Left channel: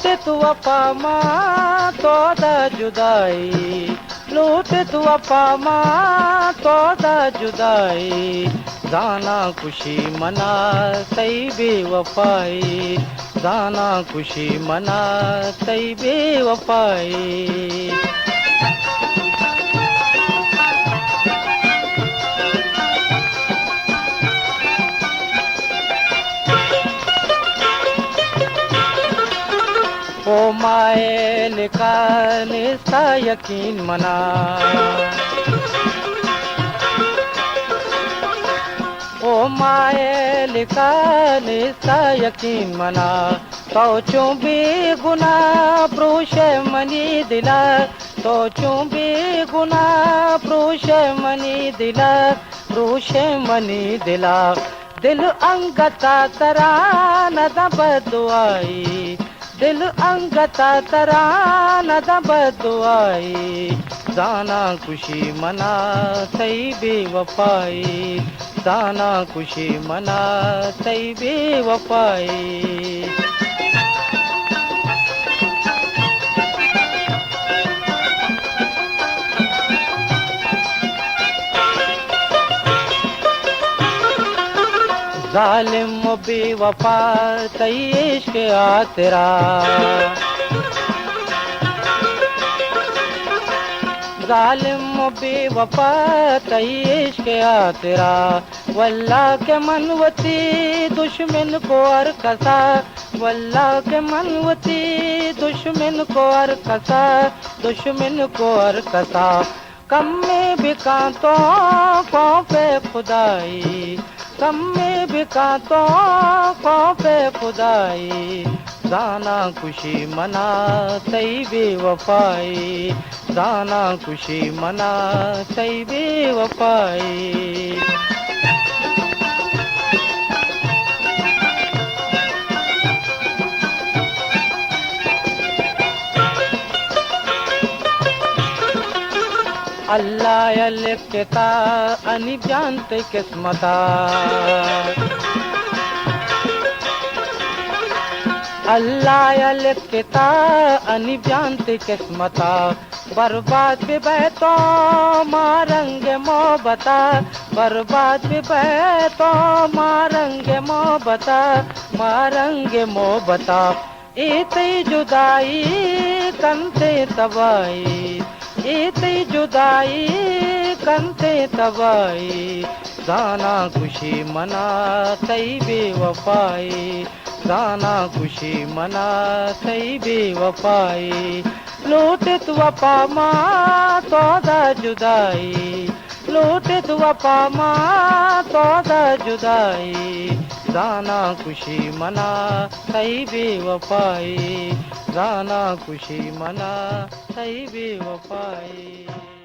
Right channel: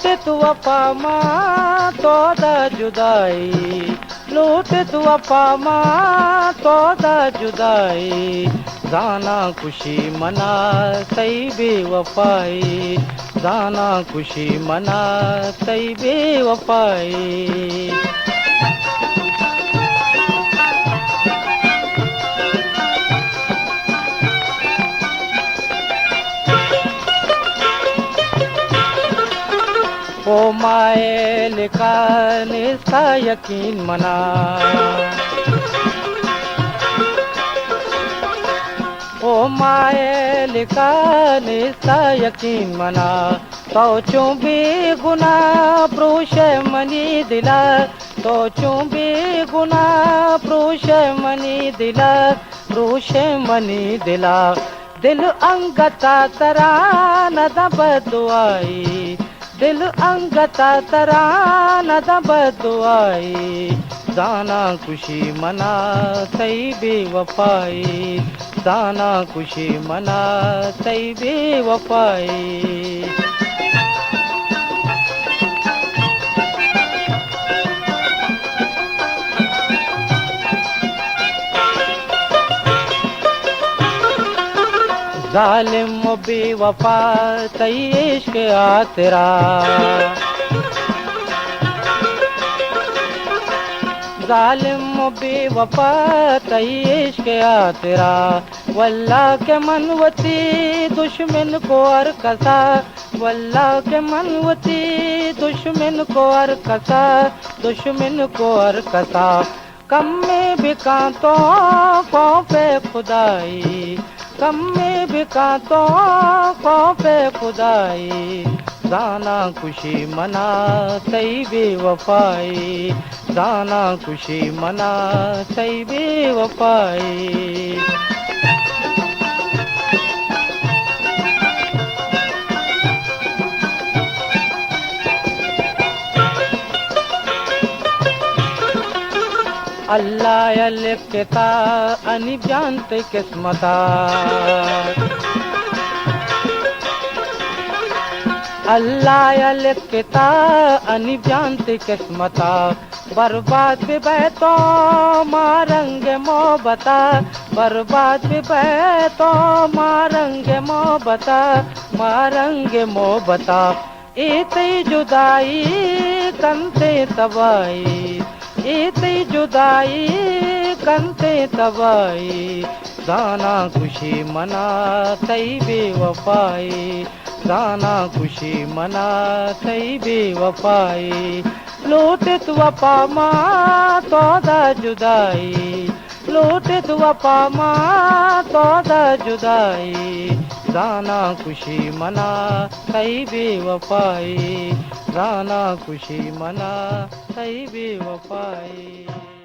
लूटे तू वफा मां तो दा जुदाई, लूटे तू वफा मां तो दा जुदाई, जाना खुशी मना सही बेवफाई, जाना खुशी मना सही बेवफाई। ओ मायल का निस्ता यकीन मना, ओ मायल का निस्ता यकीन मना, सोचूं भी गुना प्रोश मनी दिला, सोचूं भी गुना प्रोश मनी दिला, प्रोश मनी दिला, दिल अंगता तरा न बदुआई, दिल अंगता तरा न बदुआई, जाना खुशी मना सही बेवफाई, जाना खुशी मना सही बेवफाई। जालिम बेवफा सही इश्क आ तेरा, जालिम बेवफा सही इश्क आ तेरा, वल्लाह के मनवती दुश्मन को अर कसा, वल्लाह के मनवती दुश्मन को अर कसा, दुश्मन को अर कसा, कम में भी कांटों को पे खुदाई, कम में भी कांटों को पे खुदाई, जाना खुशी मना सही बेवफाई, जाना खुशी मना सही बेवफाई। अल्लाह लिखता अनि जानते किस्मता, अल्लाह लिखता अनि जानते किस्मता, बर्बाद बैतो मारंग मोहब्बता, बर्बाद बैतो मारंग मोहब्बता, मारंग मोहब्बता, इतनी जुदाई कंते तबाई, इतनी जुदाई कंते तबाई, जाना खुशी मना सही बेवफाई, जाना खुशी मना सही बेवफाई, लूटित वफा मां तो दा जुदाई, लूटित वफा मां तो दा जुदाई, जाना खुशी मना सही बेवफाई, जाना खुशी मना सही बेवफाई।